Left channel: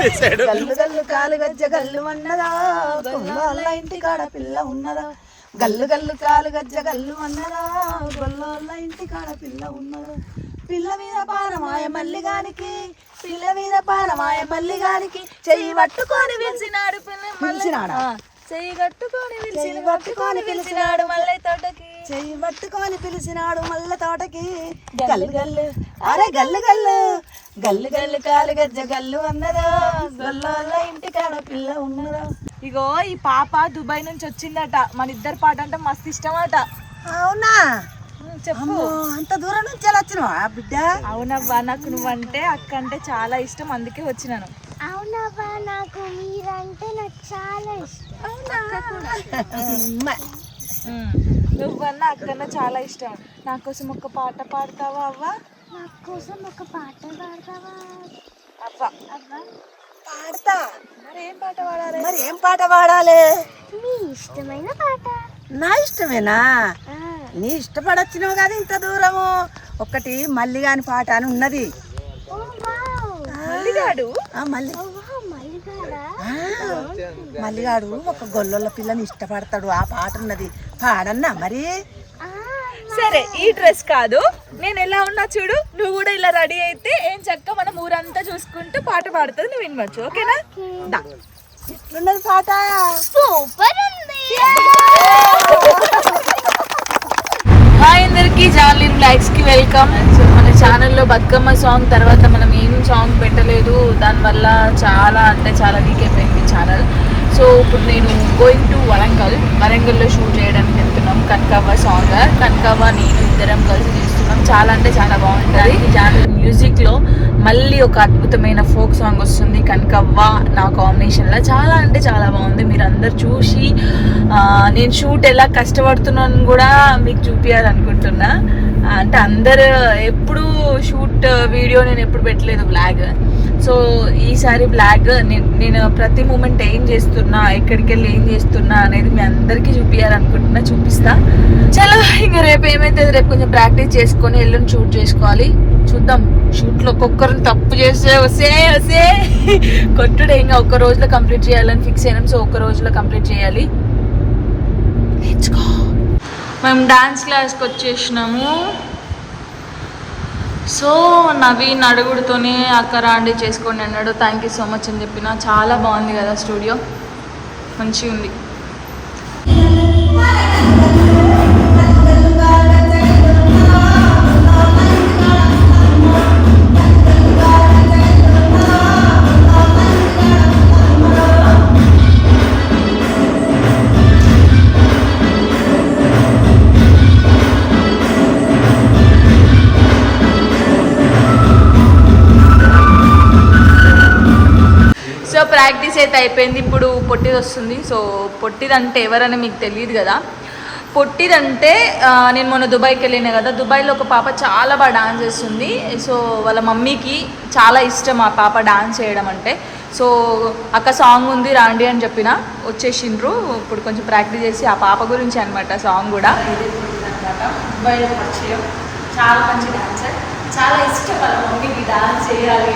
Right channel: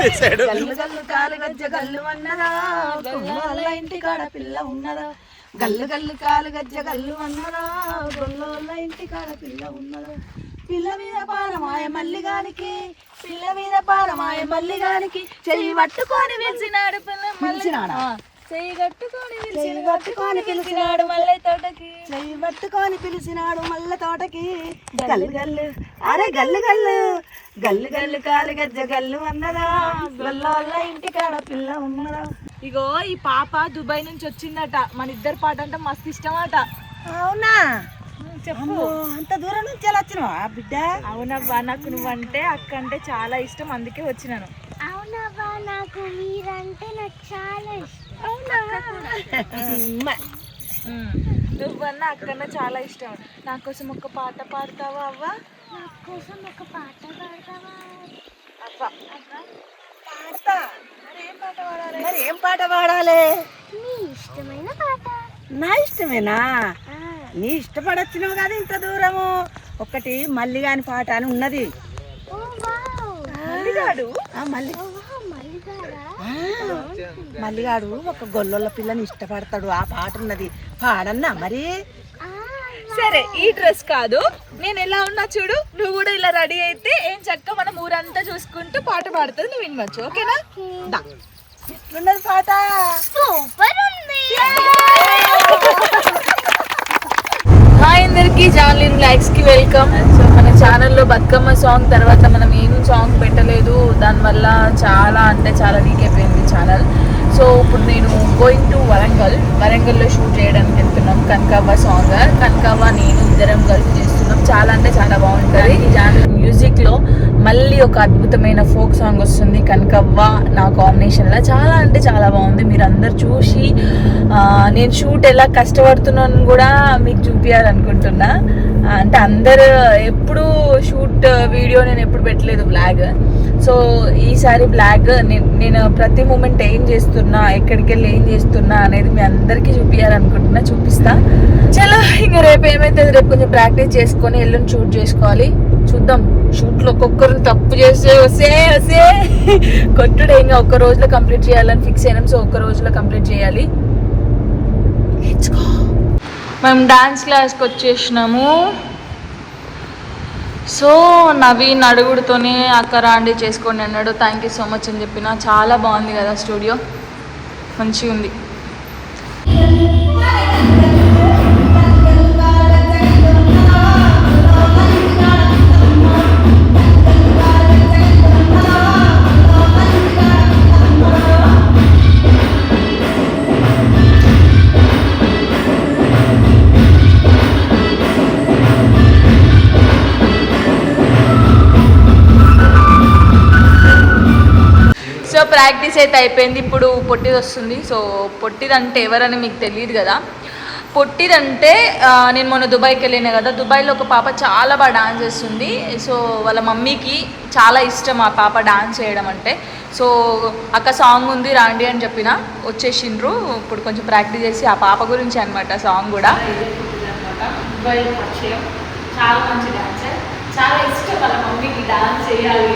తీసేసాడు. గల్లు గల్లు కాలు గజ్జ గల్లు అన్నదా గొల్లోళ్ళ ఇంటికాడ పిల్ల ఉన్నదా, గల్లు గల్లు కాలు గజ్జ గల్లు అన్నదా గొల్లోళ్ళ ఇంటికాడ పిల్ల ఉన్నదా, పిల్ల మీద పానమాయ మల్లిగానికి, పిల్ల మీద పానమాయ మల్లిగానికి, చెయ్యి పట్టుకొని పిలిచినాడు పిలిచినాడా, చెయ్యి పట్టుకొని పిలిచినాడు మల్లె తోటకి, చెయ్యి పట్టుకొని పిలిచినాడు మల్లె తోటకి. గల్లు గల్లు అరే గల్లు గల్లు గల్లు గల్లు కాలు గజ్జ గల్లు అన్నదా గొల్లోళ్ళ ఇంటికాడ పిల్ల ఉన్నదా. ఇగో ఈ పాప దుబాయ్ నుంచి వచ్చిందట, మన ఇద్దరు పాట అంటే మస్తు ఇష్టం అట. అవునా, చెప్పు. అంత దూరం నుంచి ఎలా వచ్చినావా బిడ్డ? అవునవ్వా, నాకు నువ్వంటే అక్క అంటే చాలా ఇష్టం, అందుకే వచ్చినాను. అవునవ్వా, నాకు మీరంటే నాకు చాలా ఇష్టం. నువ్వన్నా అక్కన్నా చాలా ఇష్టం. నా కోసం ఒక పాట పాడతావా అవ్వా? నా కోసం ఒక పాట పాడతావా అవ్వా? పాడతా. మరి ఏం పాట పాడాలి? మరి ఏం పాట పాడాలి? నీ ఇష్టమైన పాట. నా ఇష్టమేనా? నీ ఇష్టపడొచ్చినావు కదా ఇంత దూరము. ఒకటి మల్లిగాని పాట అని ఉన్నది. మల్లిగాడు ఒక గొల్లొల్ల పిల్లని ఇష్టపడతాడు, ఆ పాట ఉన్నది, పాడన్నా మరి. సరే, ఈ డ్రెస్ కాదు, నేను ఎలా ఉన్నా చూడు, నువ్వు కూడా ఇలా రెడీ అయితే ఏం చక్క మనం ఊరంతా చూసుకుంటూ పాట పాడుతుంది, నువ్వు వినవచ్చు. ఓకేనా? ఎట్లున్నది పాట? సూపర్ ఉంది. హాయ్ అందరికి, జాన్లీ రిలాక్స్ కి వెల్కమ్. సో మన ఛానల్లో బతుకమ్మ సాంగ్ తర్వాత మనం ఏం సాంగ్ పెట్టలేదు, దానివల్ల చాలా అంటే చాలా వీక్ అయిపోయింది ఛానల్. సో ఇప్పుడు నేను గోయింగ్ టు వరంగల్లో షూట్ చేయడానికి వెళ్తున్నాం. కనకవ్వ సాంగ్, కనకవ్వ నేను ఇద్దరం కలిసి చేస్తున్నాం. చాలా అంటే చాలా బాగుంటుంది. జాన్లీ మ్యూజిక్లో మళ్ళీ ఒక అద్భుతమైన ఫోక్ సాంగ్ వస్తుంది కనకవ్వ నా కాంబినేషన్లో. చాలా అంటే చాలా బాగుంది. మీరు అందరు చూసి నేను షూట్ ఎలా కష్టపడుతున్నాను కూడా మీకు చూపించాలనుకుంటున్నా. అంటే అందరు ఎప్పుడు షూట్ వీడియో నేను ఎప్పుడు పెట్టలేదు బ్లాగ్. సో ఈసారి బ్లాగ్ నేను ప్రతి మూమెంట్ ఏం చేస్తున్నా, ఎక్కడికి వెళ్ళి ఏం చేస్తున్నా అనేది మీ అందరికీ చూపించాలనుకుంటున్నా. చూపిస్తా. చలో ఇంకా రేపు ఏమైతే రేపు కొంచెం ప్రాక్టీస్ చేసుకొని ఎల్లుండి షూట్ చేసుకోవాలి. చూద్దాం. షూట్లో ఒక్కొక్కరిని తప్పు చేస్తే వస్తే కొట్టుడే. ఇంకా ఒక్క రోజులో కంప్లీట్ చేయాలని ఫిక్స్ అయినాం. సో ఒక్క రోజులో కంప్లీట్ చేయాలి. మేము డాన్స్ క్లాస్కి వచ్చేసినాము. సో నవీన్ అడుగుడుతోనే అక్క రాండి చేసుకోండి అన్నాడు. థ్యాంక్ యూ సో మచ్ అని చెప్పిన. చాలా బాగుంది కదా స్టూడియో, మంచిగా ఉంది. సో ప్రాక్టీస్ అయితే అయిపోయింది. ఇప్పుడు పొట్టిది వస్తుంది. సో పొట్టిదంటే ఎవరని మీకు తెలియదు కదా. పొట్టిదంటే నేను మొన్న దుబాయ్కి వెళ్ళినా కదా, దుబాయ్లో ఒక పాప చాలా బాగా డాన్స్ చేస్తుంది. సో వాళ్ళ మమ్మీకి చాలా ఇష్టం ఆ పాప డాన్స్ చేయడం అంటే. సో అక్క సాంగ్ ఉంది రాండి అని చెప్పిన, వచ్చేసిండ్రు. ఇప్పుడు కొంచెం ప్రాక్టీస్ చేసి ఆ పాప గురించి అనమాట సాంగ్ కూడా. దుబాయ్లో పరిచయం, చాలా మంచి డాన్సర్, చాలా ఇష్టం వాళ్ళ మమ్మీకి డాన్స్ చేయాలి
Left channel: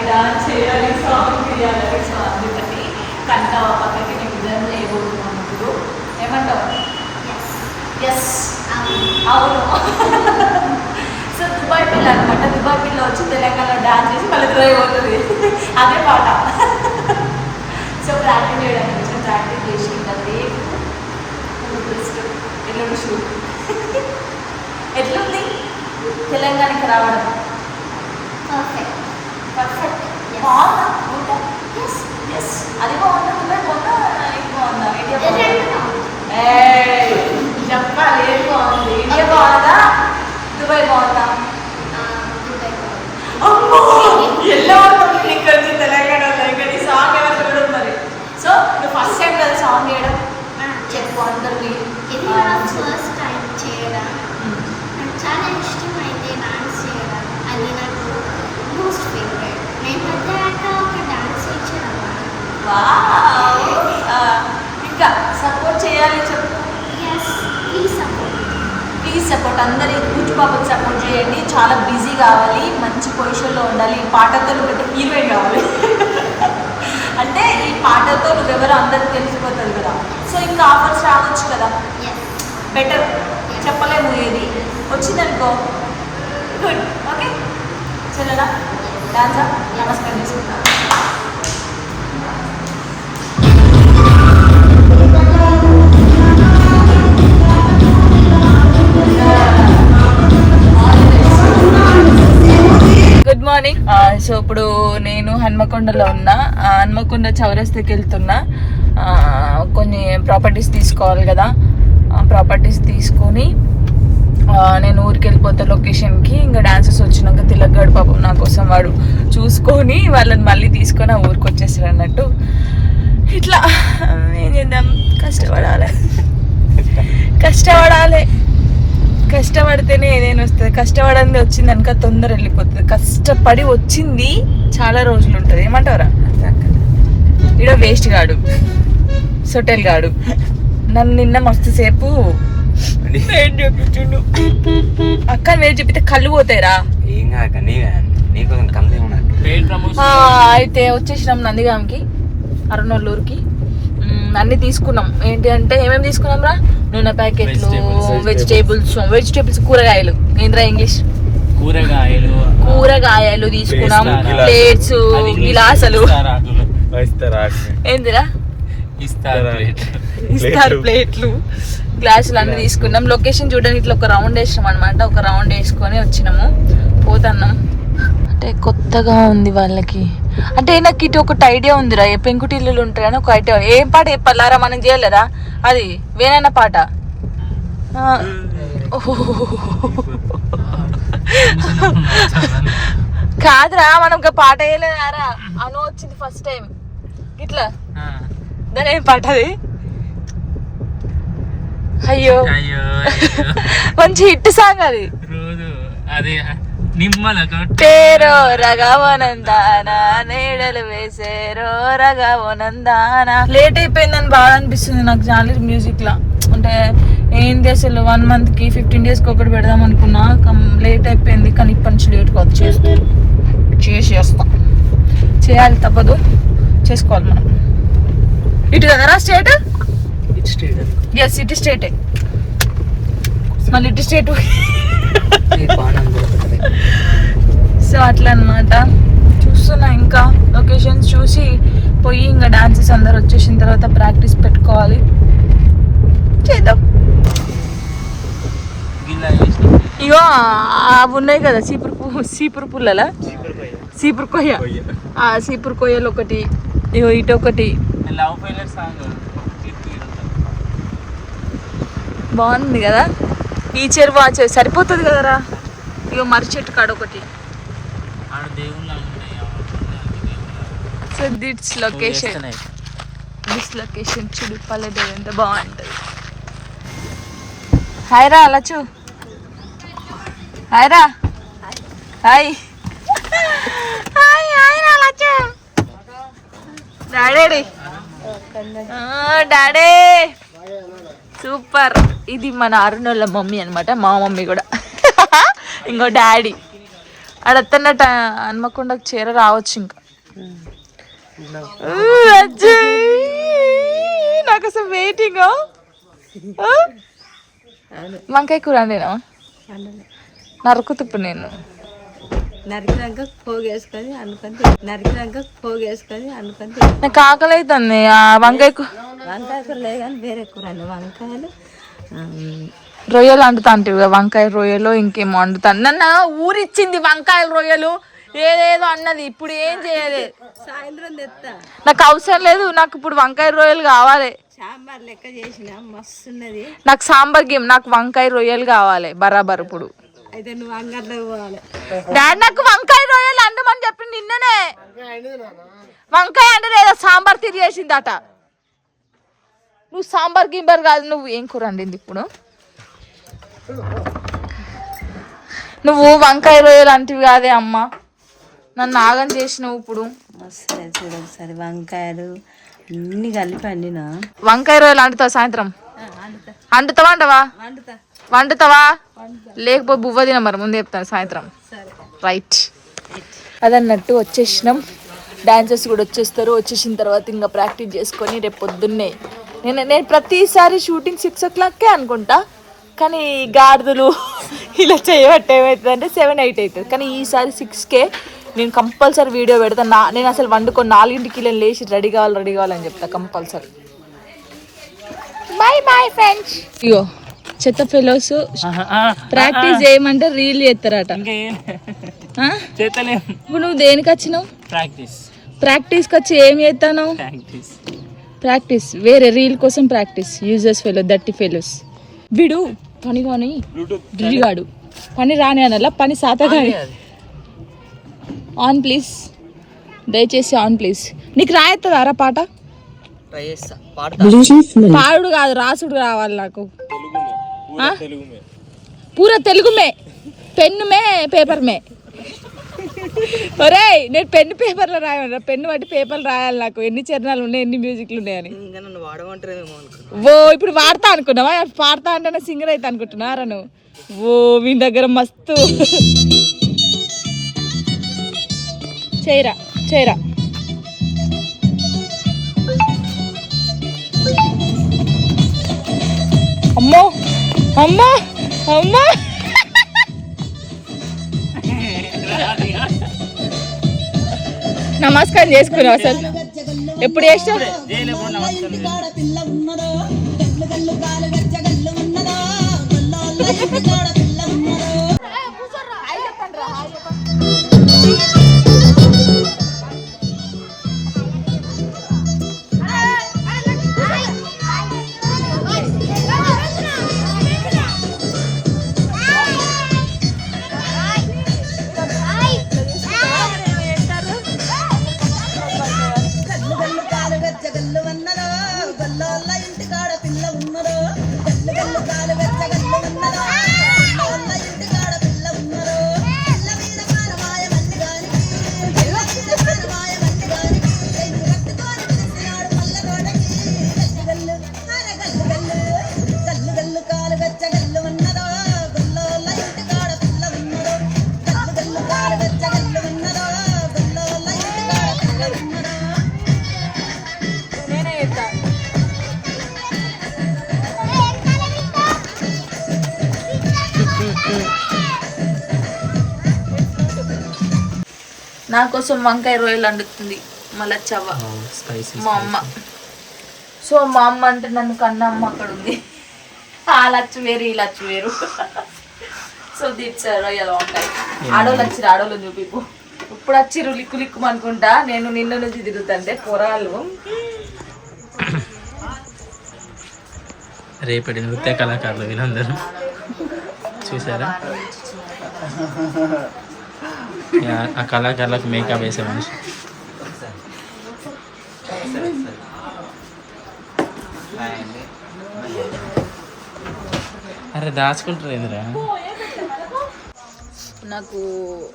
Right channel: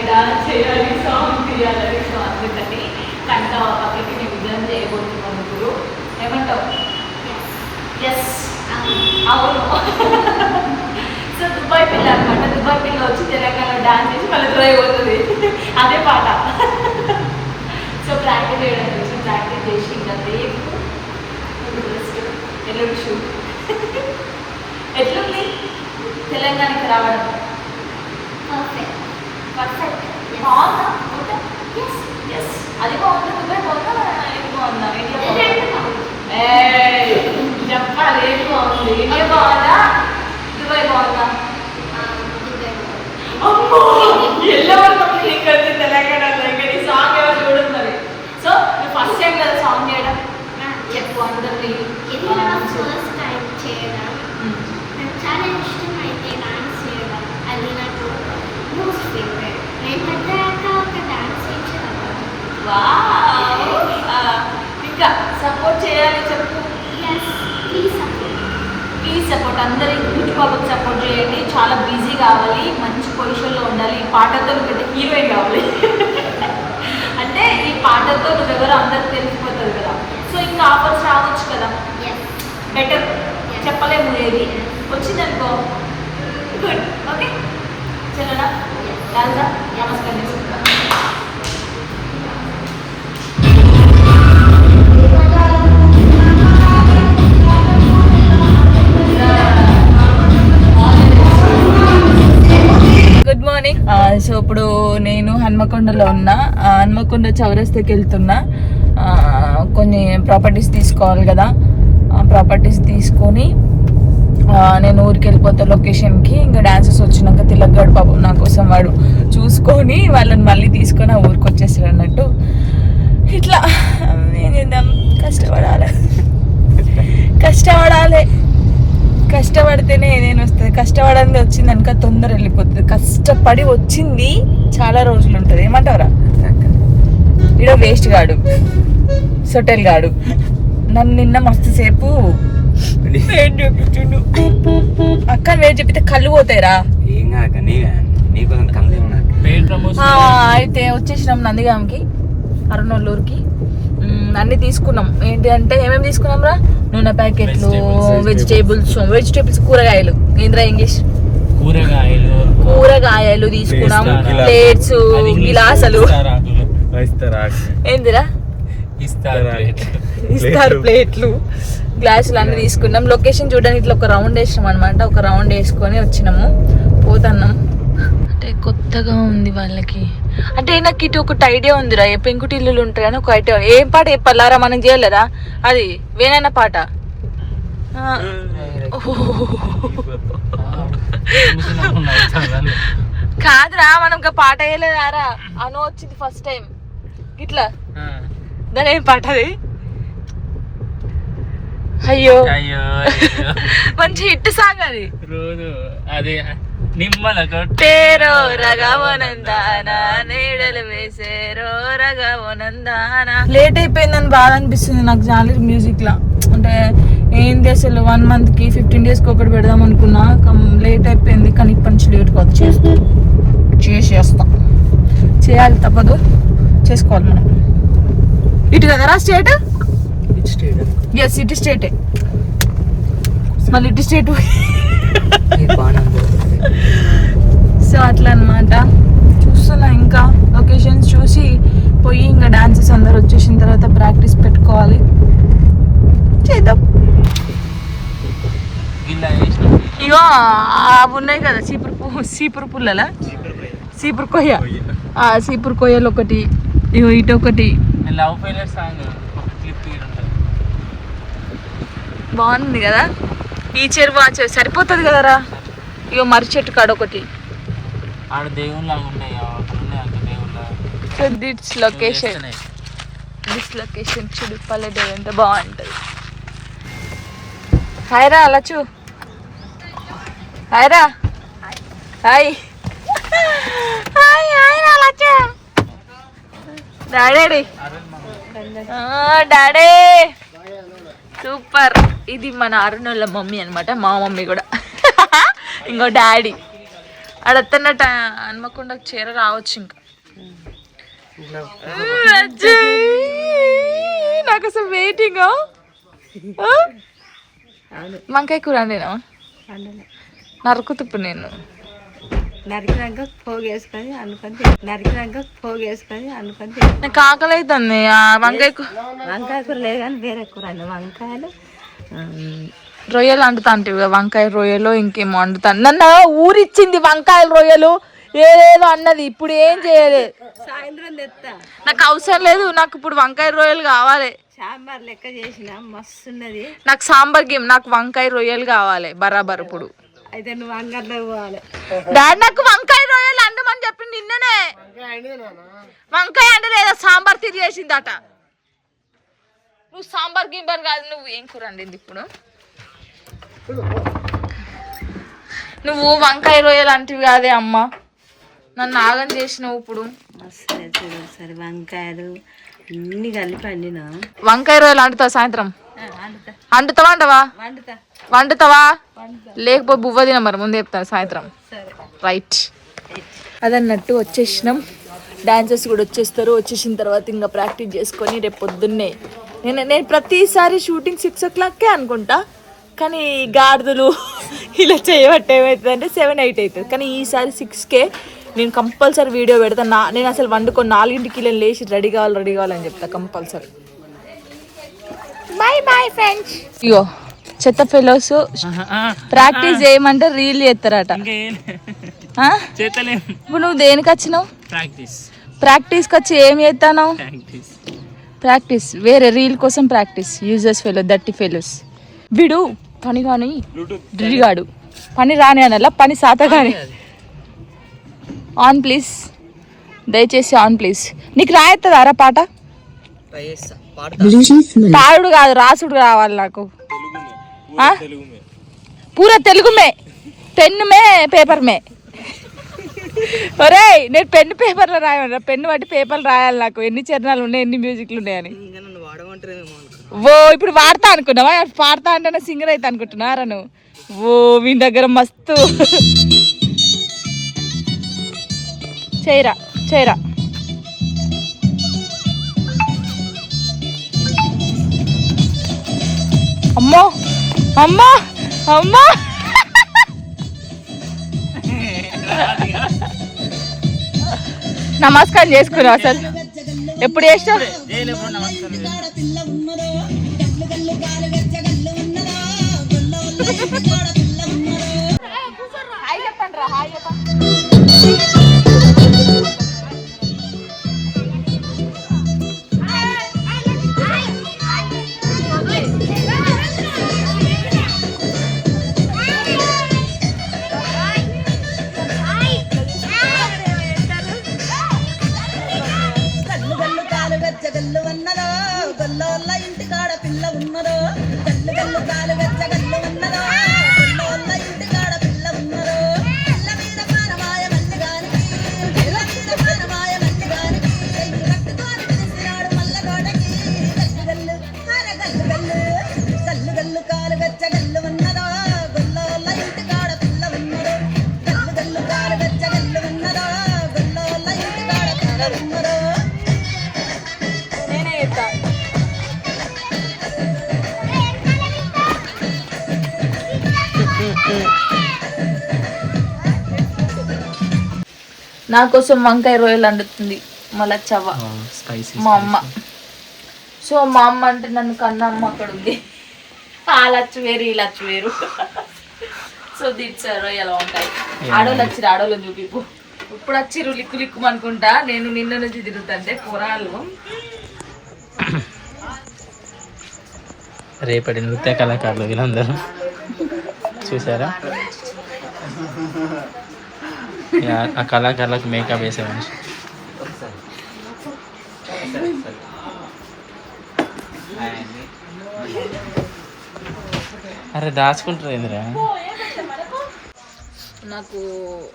సాంగ్ చేయాలి. సో అందుకని కనుక పక్కకి మేము విజయం చేయబోతున్నాం. ఇప్పుడు ఏమంటావు? ఎస్, అవును. సో దుబాయ్ పిల్ల అనమాట. దుబాయ్ పిల్ల వచ్చి తెలంగాణలో డాన్స్ చేసి మళ్ళీ డ్రైవ్ అవుతుంది, అదే పాట. సో ప్రాక్టీస్ చేయడానికి వచ్చి ప్రాక్టీస్ చేసి ఉంటుంది. ఎల్లుండి షూట్. ఎట్లుంది తెలంగాణకి రావడం? పర్ఫెక్ట్. బాగుందా? ఎస్. అది బాగుందా? దుబాయ్ బాగుందా? ఇది బాగుందా? చెప్పాలి. ఏది బాగుంది? ఇండియా బాగుందా? దుబాయ్ బాగుందా? అమ్మో, ఎల్లో ఇక్కడ తెలంగాణలో ఇక్కడ ఈ సాంగ్ ఎవరు చూడదు మరి. సో నువ్వు ఫస్ట్ టైం కదా సాంగ్ చేయడం? చెప్పు అందరికీ. ఫస్ట్ టైం చేయడం నాకు చాలా ఇష్టం. అయితే డాన్స్ చేయడం అది నాకు మోస్ట్ ఫేవరెట్. నేను పెద్ద ఒక డాన్స్ టీచర్ అన్నమాట. ఇంకా సపోర్ట్ చేయాలి చెప్పు. ప్లీజ్ సపోర్ట్ అందరి యూట్యూబ్ పాపకి సపోర్ట్ చేయండి. చాలా బిజీ కావాలి, మంచి పొజిషన్లో ఉండాలి, పాటతో పెద్ద హీరోయిన్ కావాలి. అంటే ఈ పాటతో నువ్వెవరో అందరికి తెలిసిపోతుంది కదా, సో ఇంకా ఆఫర్స్ రావచ్చు కదా, బెటర్ చెప్పలేము ఏది వచ్చిందనుకో గుడ్. ఓకే చెల్లడా డాన్సా నమస్కారం చేసుకుంటా. Good morning. సో ఇప్పుడు నేను హన్మకొండలో ఉన్నా. హన్మకొండ చౌరస్తాకి వెళ్తున్నా. కొన్ని ప్రాపర్టీస్ తీసుకోవాలి కదా, ప్రాపర్టీస్ తీసుకొని నేను ఊరికి వెళ్ళిపోతా లొకేషన్కి. ఇంకా డాన్సెస్ వచ్చినాక తిలగ్గాడు పాపం నా కోసం వాడు చూసుకొని వాళ్ళని మళ్ళీ తీసుకొని ఆ ఊరికి వచ్చేసాడు అన్నట్టు. ఇట్లా ఏం చేద్దాం, కష్టపడితేనే ఏదైనా వస్తుంది. కష్టపడింది వచ్చింది అనుక తొందర వెళ్ళిపోతుంది. కష్టపడి వచ్చింది చాలా రోజులు ఉంటుంది. ఏమంటారా? ఇడ వేస్ట్ గాడు, సొటెల్ గాడు నన్ను నిన్న మస్తు సేపు వెయిట్ చెప్పిండు. అక్క వెయిట్ చెప్పితే కళ్ళు పోతాయిరా. అయితే వచ్చేసినాం నందిగాంకి, అరుణోళ్ళూరికి. అన్ని తీసుకున్నాం. ఏంటి అంటే ఏమేమి తీసుకున్నాం రా? నూనె ప్యాకెట్లు, వెజిటేబుల్స్ కూరగాయలు. ఏంద్రా ఇంగ్లీష్? కూరగాయలు తీసుకున్నాం. ప్లేట్స్, గిలాసులు, ఏందిరా ఇస్తారు ప్లేట్లు, గ్లాసులు అన్ని తీసుకున్నాం. లొకేషన్ చూడడానికి ఇట్లా ఒక రౌండ్ వేసినాం అనమాట. ఒక రౌండ్ వేసుకొని వచ్చినాము, పోతున్నాం. అంటే కొత్తగా ఉంది వాళ్ళకి. అంటే నాకు ఇటు ఒకటి ఐడియా ఉందిరా, పెంకుటి ఇల్లులు ఉంటాయని ఒక ఐడియా. ఏం పాట చెప్పాలారా? మనం చేయలేరా అది? వేనన్న పాట కాదురా, మనం ఒక పాట వేయలేదారా? అను వచ్చింది ఫస్ట్ టైం ఇట్లా. దాని ఏం పాట అది? అయ్యో మంచి హిట్ సాంగ్ అది. తేరో రగవనందానా నీడలు వేసేరో రగవనందానా. లేట్ అయిపోయిందని బాగా అనిపిస్తుంది నాకు జానర్ మ్యూజిక్ లా. అంటే ఏంది అసలు 1 month కి 15 days కి ఒకటి పెడదాం అనుకున్నా, లేట్ అయిపోయింది. కానీ ఇప్పటి నుంచి లేట్గా చేసేస్తాం. చేయాలి, తప్పదు, చేసుకోవాలి మనం. ఇటు కదరా స్టేట్? ఎస్, ఇటు స్టేటే. మళ్ళీ ఇటు స్టేట్. సో అట్లా అనమాట. చూస్తున్నా ఇంకా లొకేషన్స్ చూసి పోయి ఇంకా డాన్సెస్ అందరు వచ్చేసిన తర్వాత ప్రాక్టీస్ పెట్టుకోవాలి. చేద్దాం. ఇగో అవి ఉన్నాయి కదా సీపురు పుల్లలా, సీపురు కొయ్య. సీపురు కొయ్యలు ఒకటి, ఇగో ఇటు ఒకటి. బాగుంది కదా ఈ చెరువు. ఆ చెరువు సరిపోతుంది కదరా. ఇగో మర్రి చెట్టు కాడ ఒకటి. సో దిస్ లొకేషన్ చూడు, పల్లెటూరు ఎంత బాగుంటుంది. హాయ్ రా లచ్చు. హాయ్ రా. హాయ్ హాయ్ హాయ్ రా లచ్చు. Daddy daddy super. ఇది మన అరుణోళ్ళ మమ్మీ అనమాట, మా మమ్మీ కూడా. ఇంకో డాడీ అడత్తన్నట్ట హన్మకొండకు చేర రావచ్చు. ఇంకా నాకు అసలు వెయిటింగ్. వంకాయ కూర అండినా నరుకుతుప్పు. నేను నరికినాక పోగేసుకొని అనుకుంది. నాకు ఆకలి అవుతుంది. వంకాయ కూర లేదు కానీ వేరే కూర అండి. వంకాయలు రొయ్యలు వండుతా అంటే వంకాయ రొయ్యలు ఇంకేమో వండుతాను. నన్ను ఊరిచ్చింది వంకాయలు రొయ్యలు ఏదేదో అన్నది. ఇప్పుడు ఏం చేయలేదు, సాయంత్రం తెస్తా. నాకు అవసరం లేదు. నాకు ఇప్పుడు వంకాయ రొయ్యలు కావాలి. సాంబార్ లెక్క చేసిన మస్తున్నది. నాకు సాంబార్ గేమ్, నాకు వంకాయ రొయ్యలు కావాలి బరాబర్. ఇప్పుడు అయితే నువ్వు అంగట్లోకి పోవాలి. డాడీ నాకు వంకాయ రొయ్యలు అండమని చెప్పింది నిన్ననే. వంకాయ అంటే లేదా సాంబార్ తిరిగేసిందట. నువ్వు సాంబార్ గింబర్ కాదు. నువ్వు ఏం కూర వండింది ఇప్పుడు? నువ్వు వంకాయ రొయ్యలు అంటివి కాదే అమ్మ, నన్ను ఆగం చేసినావు. ఇప్పుడు చూడు ఒకసారి వంకాయలు అన్ని కలిపి వండిన. వంకాయ రొయ్యలు వండుతావా సాయంత్రం? వండుతావా? వండుతావా? లేకపోతే బువ్వ తిన. మరి ముందు చెప్తాను సాయంత్రం. రైట్. అదన్నట్టు వచ్చేసినాం. డాన్సర్స్ కూడా వచ్చేసిన తర్వాత ఇంకా ప్రాక్టీస్ చేసుకొని రేపు పొద్దున్నే నేను ప్రతిసారి షూటింగ్ 6 o'clockకే అనుకుంటా, కానీ గాడిదలు ఇలా చేయబట్టి ఏమవుతుందంటే 7-8 అవుతుంది. కానీ ఈసారి 6కే నేను కంపల్సరీ వీడియో పెడతా. నేను అసలు వండుకొని 4ంటికి ఇలా లేచి రెడీ కావాలని చెప్తా కంపల్సరీ. Bye friends. ఇగో చెత్త ఫెలోస్ ప్రాక్టీస్ చేయమంటే రీల్ చేస్తారట. ఇప్పుడు నువ్వు దేనికి వచ్చినావు? ప్రాక్టీస్కి వచ్చి ఏం చేస్తాను? ప్రాక్టీస్ వేరే రీల్ కోసం ప్రాక్టీస్. యూజర్స్ ఫెలో దట్టి ఫెలోస్. వీడు పని కానీ డ్రిగాడు పని రాని అనలా, పని సాత కానీ. ఆన్ ప్లీజ్, దయచేసి ఆన్ ప్లీజ్. నీకు రాయత్తదారా పాట? పాడుడు కాదు, రాసుడు కావాలి నాకు. పూరా తెలుగు మే, పెన్ను మే, పేపర్ మే. ఒరేయ్ నేను పెన్ను పేపర్లో రాయమన్నా, పెన్ను బట్టి పేపర్లు రాయాలి నాకు. ఎన్ని చరణాలు ఉన్నాయి, ఎన్ని మ్యూజిక్లు ఉన్నాయని. ఓ ఇప్పుడు వాడతా అనుకున్నావా? పాడతా అంటే సింగర్ అయితే అనుకుంటున్నారా నువ్వు? ఓ మీ దగ్గర మస్తు చేయరా. అమ్మో నమస్కారం చేసుకున్నావు అసలు ఎప్పుడు చేస్తావు? నా కోసం వంకాయ రొయ్యలు వండుతుంది మళ్ళా చవ మా అమ్మ. సో మా అమ్మ అంటే నన్ను కన్నా అమ్మ అక్కడ ఉంది. ఆ లచ్చు వేరు, ఈ లచ్చు వేరు. సో దిట్స్ రొయ్యలు వంకాయ. ఆడోళ్ళు వచ్చిరు, ఆడోళ్ళు చూపిపు. ఇప్పుడు వచ్చిరు లిక్కు అనుకుంటా. నేను నిన్ను నుంచి తిరుగుతుంటే పొరాలు. రేపటి నృత్య కళాకారులు వీళ్ళందరూ చూసారా? ఆ కళాకారులకు మేకప్ వేసే మనిషి. అరే దాచుకుంటారు ఎదురా. నాకు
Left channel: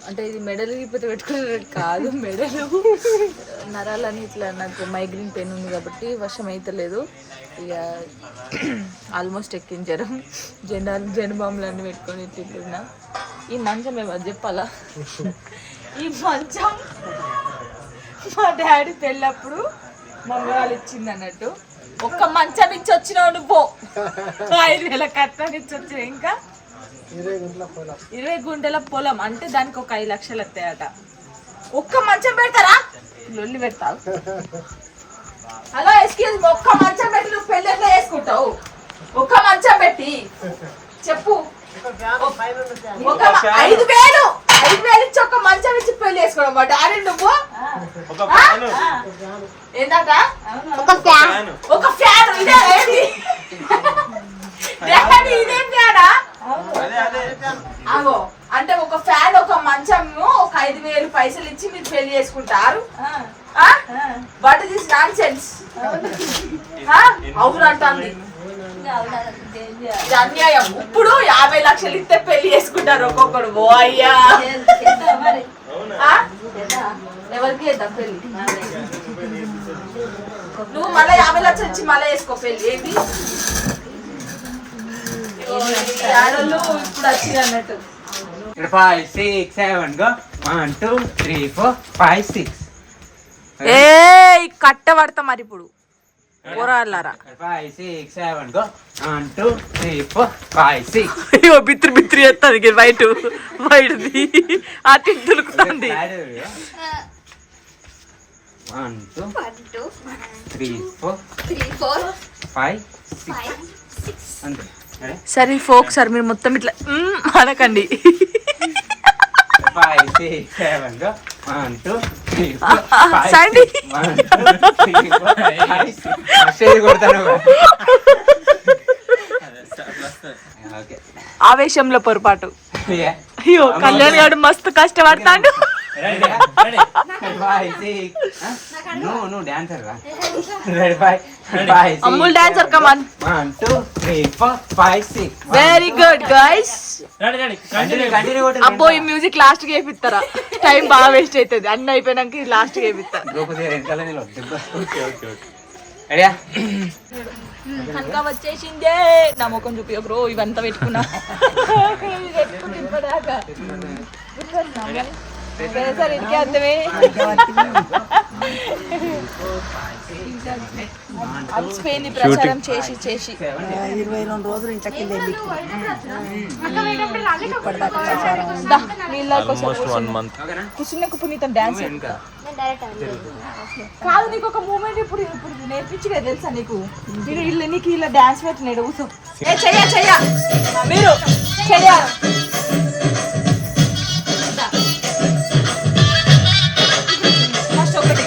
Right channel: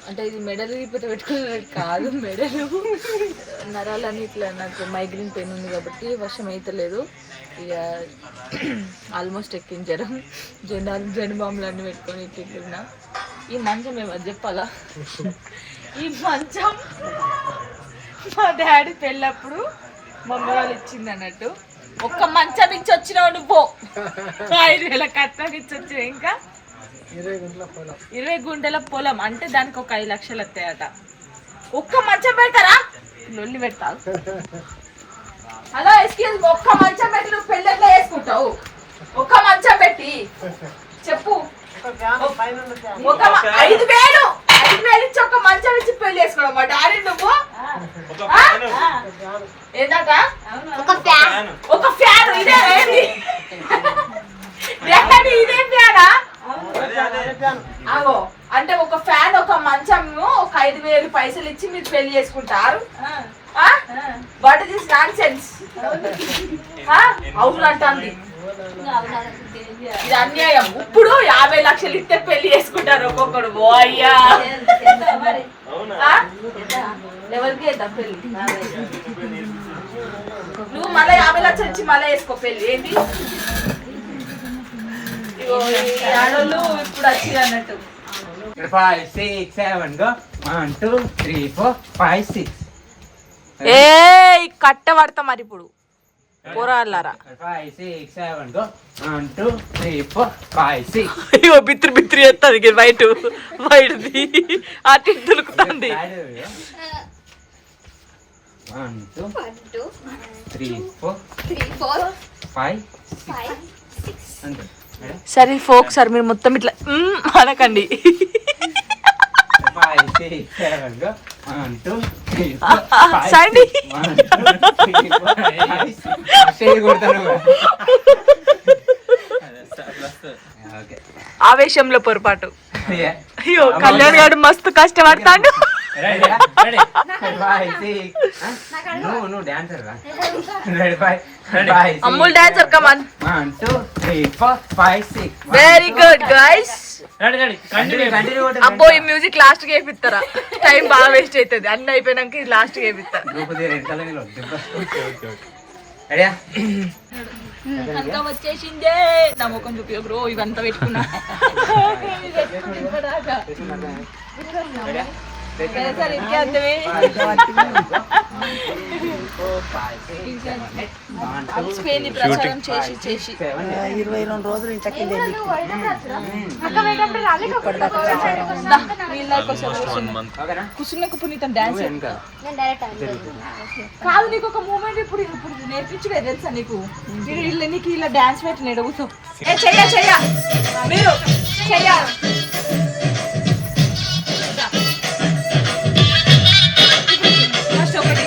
అంటే ఇది మెడల్ పెట్టుకునే కాదు, మెడలు నరాలని ఇట్లా నాకు మైగ్రేన్ పెయిన్ ఉంది కాబట్టి వర్షం అవుతలేదు. ఇక ఆల్మోస్ట్ ఎక్కించారు. జనబాంబులు అన్నీ పెట్టుకొని ఇట్లా. ఈ మంచం ఏమో చెప్పాలా? ఈ మంచం మా డాడీ పెళ్ళప్పుడు మమ్మీ వాళ్ళు ఇచ్చింది అన్నట్టు. ఒక్క మంచం ఇచ్చి వచ్చినావు నువ్వు. 5,000 కట్నం ఇచ్చి వచ్చిన. ఇంకా 20 గుంటల పొలం అంటే దానికి ఒక 5 లక్షలు వస్తాయట. ఒక్క మంచం పెడతారా? లొల్లి పెడతావు. హలో ఎక్స్క్యూజ్, ఒక్క మంచం పెట్టి నువ్వు పెళ్ళి ఎట్లా చేసుకుంటావు? ఒక్క మంచం పెట్టి చెప్పు. ఒక 5,000 ఇచ్చి ఒక మంచం ఇచ్చి పెళ్లి చేసుకోవడం మాట. అరే నువ్వు ఏంటట? ఒక ఫ్యాన్. ఇదే ఏంటి? ఇదే ఫ్యానా? అగో అంటే ఒక ఫ్యాన్, ఒక మంచం, ఒక 5,000 పైసలు ఇచ్చి మీరు పెళ్లి చేసుకుంటారు. What is this non sense? అవును అంటుంది. అన్యాయం. ఇప్పుడు 50 లక్షలు ఇస్తే పెళ్లి చేసుకుంటారు ఒక్కొక్కడు. ఓ అయ్యా, ఎవరికి చేద్దాం పెళ్లి? నువ్వు మళ్ళీ 50 లక్షలు ఇచ్చి మళ్ళీ వేసుకో పెళ్లి. ఏంటి ఆడోళ్ళు ఇప్పుడు వచ్చి అన్నట్టు. 5, 6, 7 go 1 2 3 4 5 6. ఏ కట్ట పడతా మరి ఇప్పుడు పోరాళ్ళారా 5 6 7 go 1 2 3 4 5 6 అయ్యో బిత్రి బిత్రి ఎత్తాది బయటది అటు దులుకుతుంది 1 2 1 2 3 4 3 4 5 6 5 6 అంతే సరే ఫోక్ సార్ మీరు మొత్తం ఇట్లా అనకండి 5 6 7 go 1 2 3 4 సండి 1 2 3 4 5 6 కొడతాను ఓకే ఆవేశంలో పొరపాటు అయ్యో కళ్యాణ్ గారు మస్తు కష్టపడతాడు నువ్వు డాన్సర్ రా రెడీ 5 అమ్ముల్ డాన్సర్ కమాన్ 1 2 3 4 5 6 వెరీ గుడ్ గైస్ కంటిన్యూ అబ్బో ఈ మ్యూజిక్ లాస్ట్ కి వేపిస్తారా టైం బాగా వేస్ట్ అవుతుంది అన్ని అయిపోయినాక లాస్ట్ కి వేపిస్తారు కనుక వచ్చేసిందే నా ముఖం చూపి బ్రో ఇవంతా పెట్టుకున్నా సార్ ఇంకే అర్థమే అలసిపోయింది ప్రచారం చేసి చేసి 22 రోజులు ఇంట్లోకి వెళ్ళి ఇప్పటిదాకా ప్రచారం ఉంది. నీళ్ళ కోసం కుసున్నకు పునీతం డాన్స్ నేను డైరెక్ట్ కాదు నీకు ఒక మూమెంట్ ఇప్పుడు నేర్పించలే తెలుసా నీకు నీకు ఇలా డాన్స్ పెట్టినాడు కూర్చో చెయ్య మీరు చెయ్య ఫస్ట్ ఒకటి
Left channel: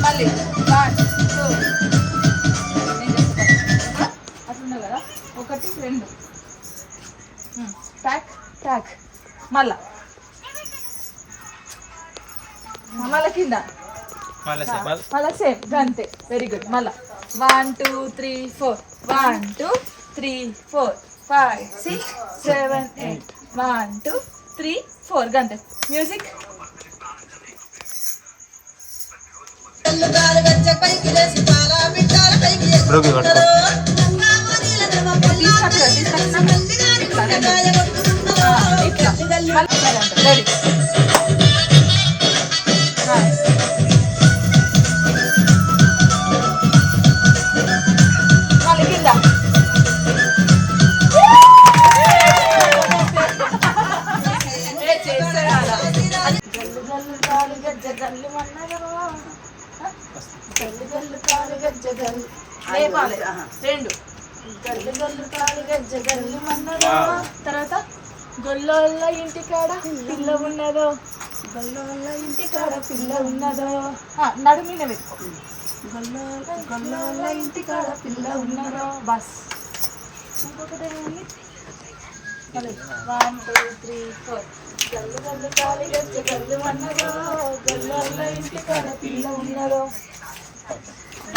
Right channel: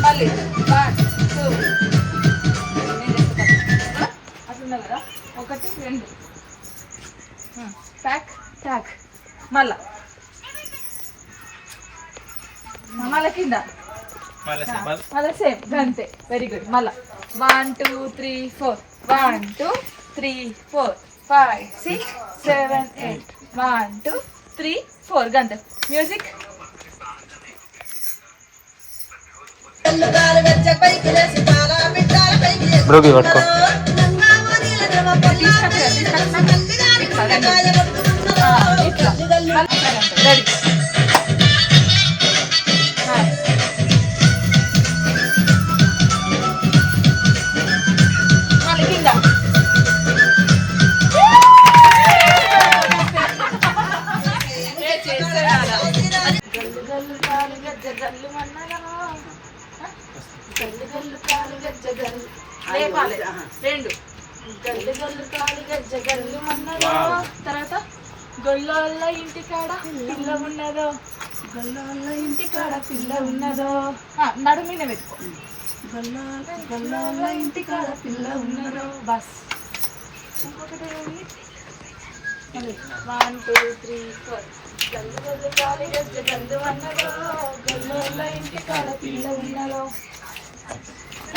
మళ్ళీ 1 2 అట్లున్నా కదా 1 2 ప్యాక్ ప్యాక్ మళ్ళా కింద మళ్ళా సేమ్ అంతే వెరీ గుడ్ మళ్ళా 1 2 3 4 1 2 3 4 5 6 7 8 1 2 3 4 గంట మ్యూజిక్ బ్రోకి పట్టుకో ఇట్లా రెడీ మళ్ళీ కింద రెండు గల్లు గల్లు కాలు గజ్జ గల్లు మన్నదో తర్వాత గొల్లోళ్ళ ఇంటికాడ పిల్ల ఉన్నదో గొల్లోళ్ళ ఇంటికాడ పిల్ల ఉన్నదో నడుమిన పెట్టుకో గొల్లోళ్ళ ఇంటికాడ పిల్ల ఉన్నదో బస్ ఇంకొకటి 1 2 3 4 గల్లు గల్లు కాలు గజ్జ గల్లు మన్నదో గొల్లోళ్ళ ఇంటికాడ పిల్ల ఉన్నదో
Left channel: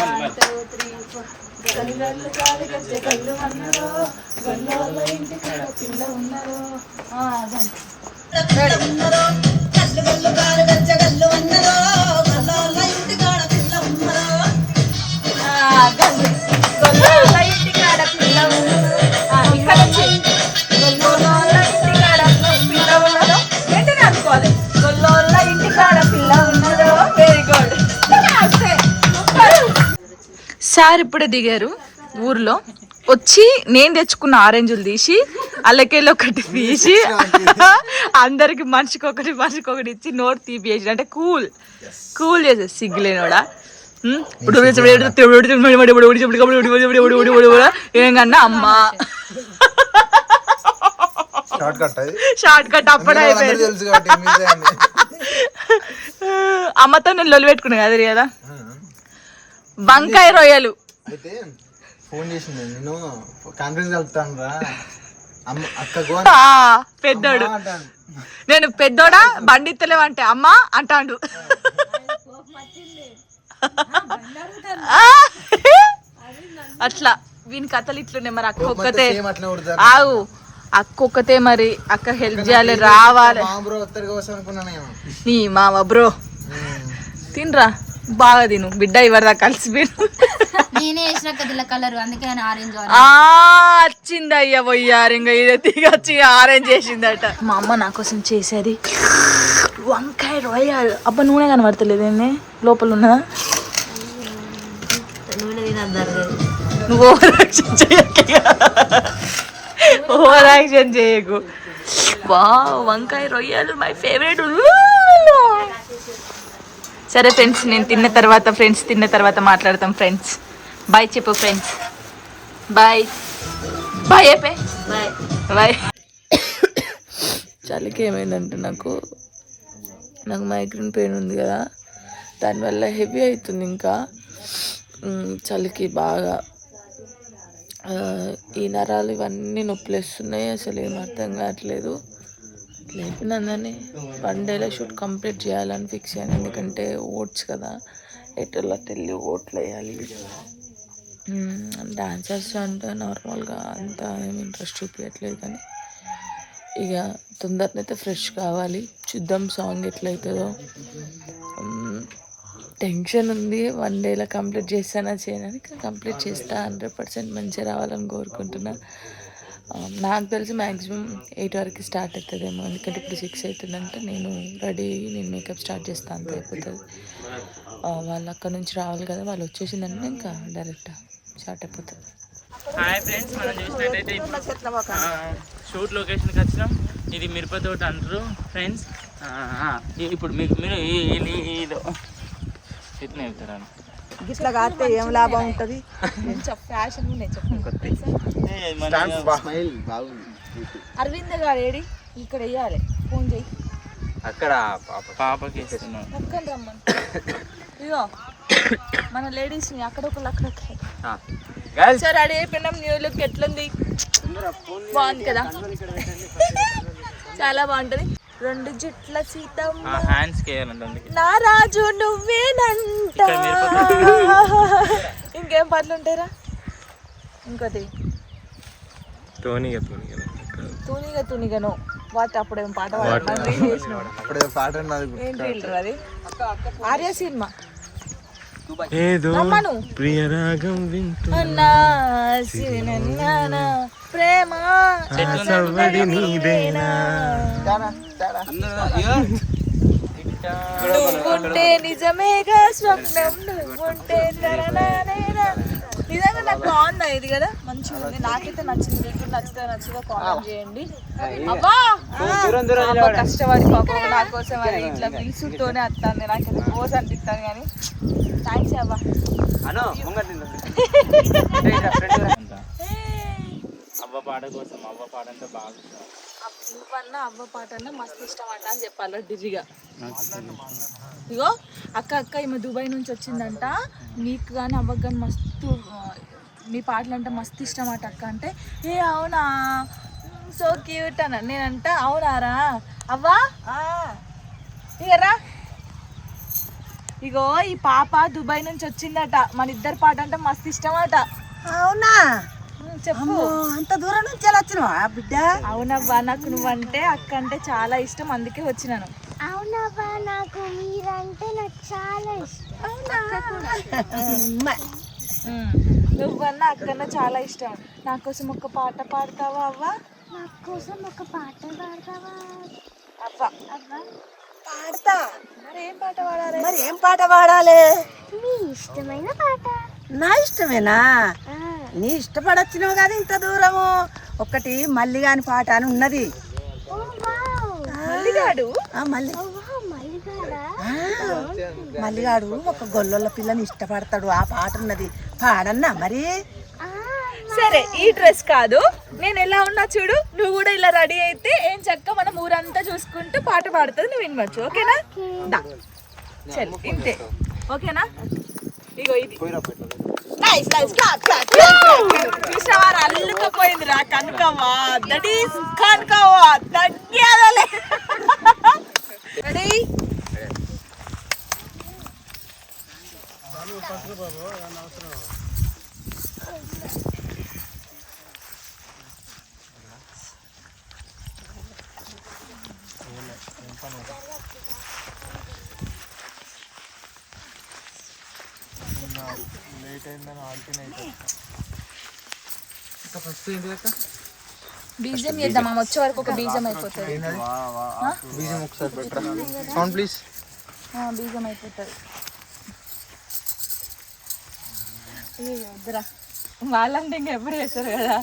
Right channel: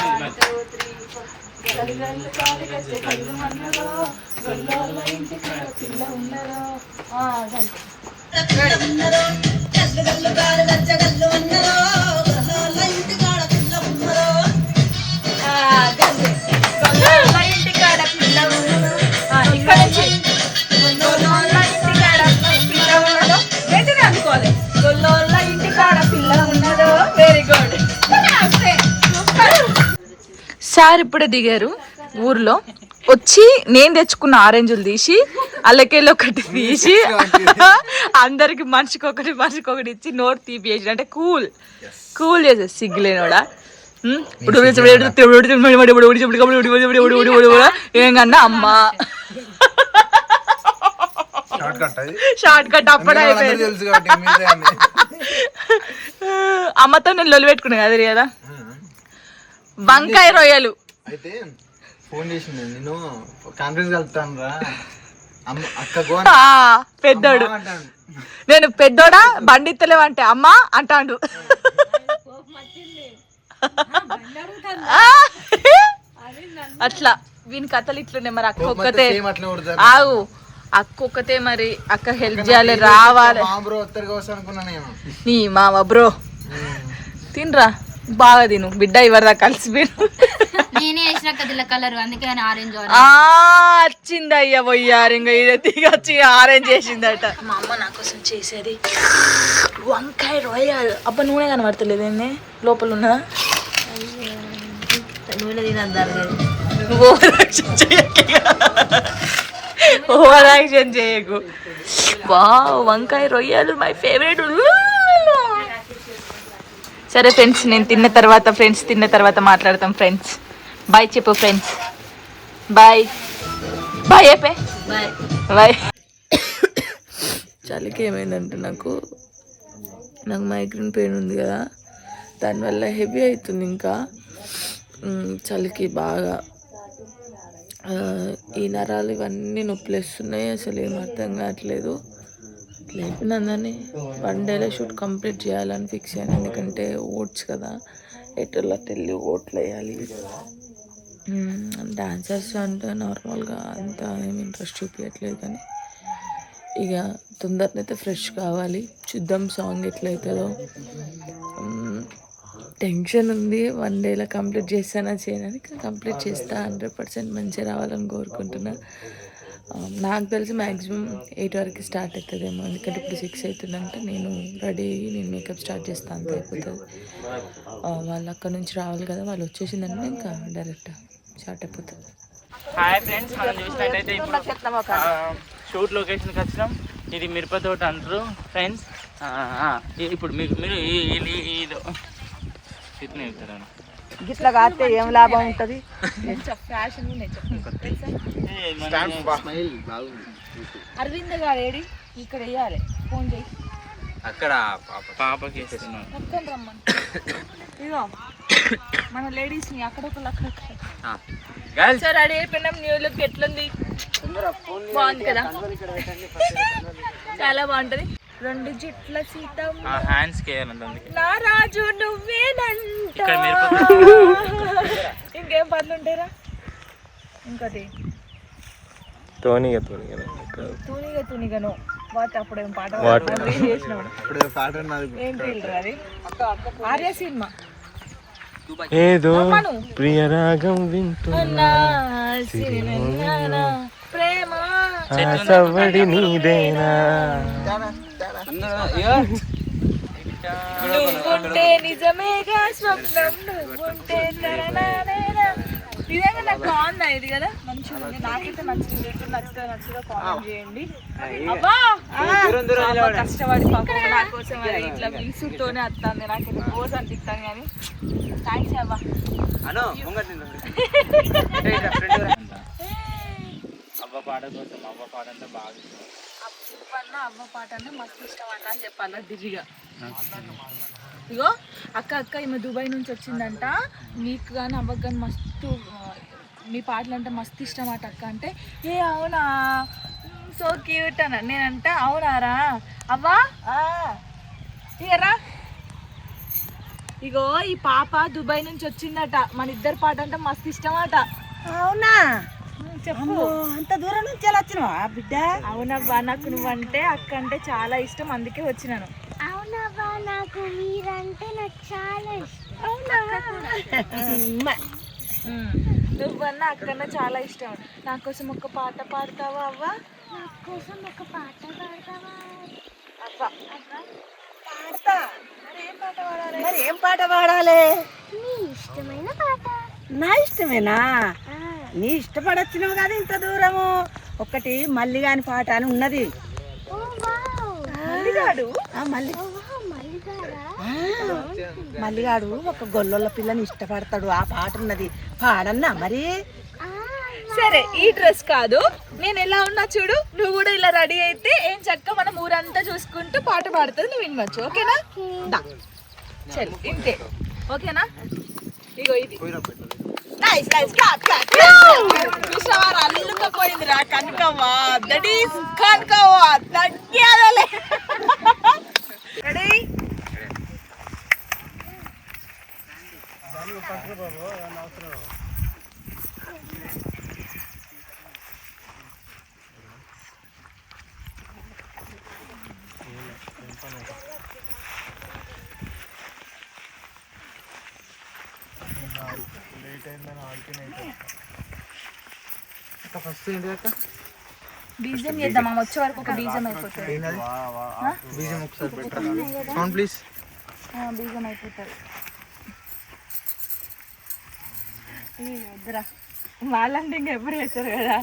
1 2 3 4 గల్లు గల్లు కాలు గజ్జ గల్లు మన్నదో గొల్లోళ్ళ ఇంటికాడ పిల్ల ఉన్నదో అదంతే గొల్లోళ్ళ ఇంటికాడ పిల్ల ఉన్నదో ఇక్కడ నుంచి గొల్లోళ్ళ ఇంటికాడ పిల్ల ఉన్నదో ఏంటిని అనుకోవాలి గొల్లోళ్ళ ఇంటికాడ పిల్ల ఉన్నదో వెరీ గుడ్ సార్ ఇప్పుడే దిగారు ఊర్లో వచ్చి నేను తెచ్చుకున్న ఆరెంజ్లు తీసి అల్లకెళ్ళి ఒకటి తీసి అందరికి మనిషికి ఒకటి ఇచ్చి నోట్ తీపియేసి అంటే కూల్ చేసేది సిగ్గులేనోడా ఏంకన్నా అమ్మా షార్ట్ కట్ అప్పుడే అయిపోయింది అమ్మతో నేను లొల్లి పెట్టుకున్నా కదా కదా వంకాయ రొయ్యలు అయితే ఫోన్ చేసింది నేను కాన్ఫరెన్స్ కలుపుతాను రా అక్క పెద్దోడు నేను పెద్దోడా బండి ఇత్తలేవంటే అమ్మా అంటాడు అట్లా వీని కథలు ఇట్లున్నాయి మరి అక్క ఒక్కతే ఆగు అక్క ఒక్కతే మరి అక్క హెల్ప్ చేయాలి రావాలి నీ మామ బ్రో తినరా బాగా తిను బిడ్డ ఇవరదా కలిసిపోయాను. నేనే వేసిన కదిల కలర్ అందుకే ఆరెంజ్ వచ్చింది అయ్యా పోయారు ఇంకా ఇది దిగొచ్చి ఆరెంజ్ చేసిందట. మా అమ్మ నా కోసం చేసేది వంకాయ రొయ్యలు. అబ్బా నూనె కనబడతలేదు ఏంది లోపల ఉన్నదా? నూనె తినద్దారు నువ్వు ఓవర్ యాక్షన్ చేయకు. వా వంకాయ రొయ్యలు మై ఫేవరెట్. సరే ఫ్రెండ్స్ నేను తిన్న తర్వాత మాట్లాడతాం ఫ్రెండ్స్. బాయ్ చెప్పు ఫ్రెండ్స్. బాయ్ బాయ్ చెప్పే. Bye bye. చలికి ఏమైందంటే నాకు మైగ్రేన్ పెయిన్ ఉంది కదా, దానివల్ల హెవీ అవుతుంది. ఇంకా చలికి బాగా ఈ నరాలు ఇవన్నీ నొప్పులేస్తున్నాయి. అసలు ఏం అర్థం కావట్లేదు. లేపినందని 1 డేలో షూట్ కంప్లీట్ చేయాలని ఫిక్స్ అయ్యాను. ఎందుకంటే ఓట్స్ కదా, ఎటులో వెళ్ళి ఓట్లు వేయాలి. డాన్సర్స్ అంటే నార్మల్గా అంత ఏమి ఇంట్రెస్ట్ చూపించట్లేదు, కానీ ఇక తొందరనైతే ఫ్రెష్ కావాలి. చూద్దాం సాంగ్ ఎట్లయితుందో. టెన్షన్ ఉంది. 1 డేలో కంప్లీట్ చేస్తానా చేయనని, కంప్లీట్ చేస్తా. 100% మంచిగా రావాలని కోరుకుంటున్నా. నాకు తెలిసి మ్యాక్సిమం 8 వరకు స్టార్ట్ అవుతుందేమో. ఎందుకంటే ఇప్పుడు 6 అవుతుందంటే నేను రెడీ అయ్యి నేను మేకప్ స్టార్ట్ చేస్తాను, అంత అయిపోతుంది. వాళ్ళు అక్కడ నుంచి రావాలి కదా, వాళ్ళు వచ్చేసిందంటే ఇంకా డైరెక్ట్ స్టార్ట్ అయిపోతుంది. షూట్ లొకేషన్కి వచ్చినాం. ఇది మిరప తోట అంటారు ఫ్రెండ్స్. ఇప్పుడు మీకు మీరు ఇట్లా వెళ్తారు. గిట్లా కాస్తే ఏం లాభం ఉంటుంది? ఫ్యాషన్ అరవింద్ గారు ఏడి ఇక్కడ వేయాలి. ఫోన్ చేయి. అక్కడ పాపకి పక్కన రమ్మని. ఇగో మన లేడీస్ని అక్కడొకళ్ళు సార్ రెడీ అయిపోయినాం. న్యూ లుక్ ఎట్లుంది? బాగుంది కదా, చాలా బాగుంటది. 2 జుట్ల సీతమ్మ నా రాజు నువ్వేనంట. ఇంకేం పాటలు ఉంటాయిరా? ఇంకోటి తూనిగను వాటి అప్పుడేం పాట ఏం ఫీల్డర్ అది? ఆర్య సినిమా ఏదో ప్రియరాగం వింటున్నా ప్రేమ సవ్వడి నీదేనా నువ్వుంటే నిజమేగా స్వప్నం నువ్వుంటే నిజంగా నాకు బాగుందా ఇది కదా, మంచిగా ఉంది. నాకైతే నచ్చింది. మీకు నచ్చుతుందో కామెంట్ చేయండి. అబ్బా కష్టపడి పాపం నా కోసం అది ఇట్లా మిల్సుతోనే వస్తాను. నాకైతే రోజు అనిపిస్తాను, కానీ థ్యాంక్స్ అవ్వ. అవ్వ పాట కోసం అవ్వ పాట అంటే బాగా ఇష్టం. అవ్వ పాట అంటే మస్తు ఇష్టం అంట అని చెప్పాలి ఢిల్లీగా. ఇగో అక్క ఈమె దుబాయ్ నుంచి వచ్చిందంట. మీకు కానీ అవ్వకు కానీ మస్తు మీ పాటలు అంటే మస్తు ఇష్టం అట అక్క అంటే. ఏ అవునా, సో క్యూట్ అన్న. నేనంట అవునారా అవ్వా ఇగరా. ఇగో ఈ పాప దుబాయ్ నుంచి వచ్చిందట. మన ఇద్దరు పాట అంటే మస్తు ఇష్టం అట. అవునా? చెప్పు, అంత దూరం నుంచి ఎలా వచ్చినావా బిడ్డ? అవునవ్వా, నాకు నువ్వంటే అక్క అంటే చాలా ఇష్టం, అందుకే వచ్చినాను. అవునవ్వా, నాకు మీరంటే నాకు చాలా ఇష్టం. నువ్వన్నా అక్కన్నా చాలా ఇష్టం. నా కోసం ఒక పాట పాడతావా అవ్వా? నా కోసం ఒక పాట పాడతావా అవ్వా? పాడతా. మరి ఏం పాట పాడాలి? నీ ఇష్టమైన పాట. నా ఇష్టమేనా? నీ ఇష్టపడొచ్చినావు కదా ఇంత దూరము. ఒకటి మల్లిగాని పాట అని ఉన్నది. మల్లిగాడు ఒక గొల్లొల్ల పిల్లని ఇష్టపడతాడు. ఆ పాట ఉన్నది, పాడన్నా మరి. సరే, ఈ డ్రెస్ కాదు, నేను ఎలా ఉన్నా చూడు, నువ్వు కూడా ఇలా రెడీ అయితే ఏం చక్క మనం ఊరంతా చూసుకుంటూ పాట పాడుతుంది, నువ్వు వినవచ్చు. ఓకేనా? చల్ ఇంతే, ఓకేనా? ఇగో ఇది చూసావారు అల్లుకపోయిందిరా కనుకవ్వా. దట్ ఈస్ కనుకవ్వా, తగ్గేదలే. రెడీ? ఫస్ట్ ఏంటి అక్క? బీజం చేద్దాం అమ్మ వచ్చే వరకు ఒక బీజం అయిపోతుంది. బీజం ఒకసారి పెట్టరా సౌండ్ ప్లీజ్. బీజం అయిపోతుంది. వద్దురా వాళ్ళంటే ఇంకా ఎప్పుడు చేస్తారు కదా.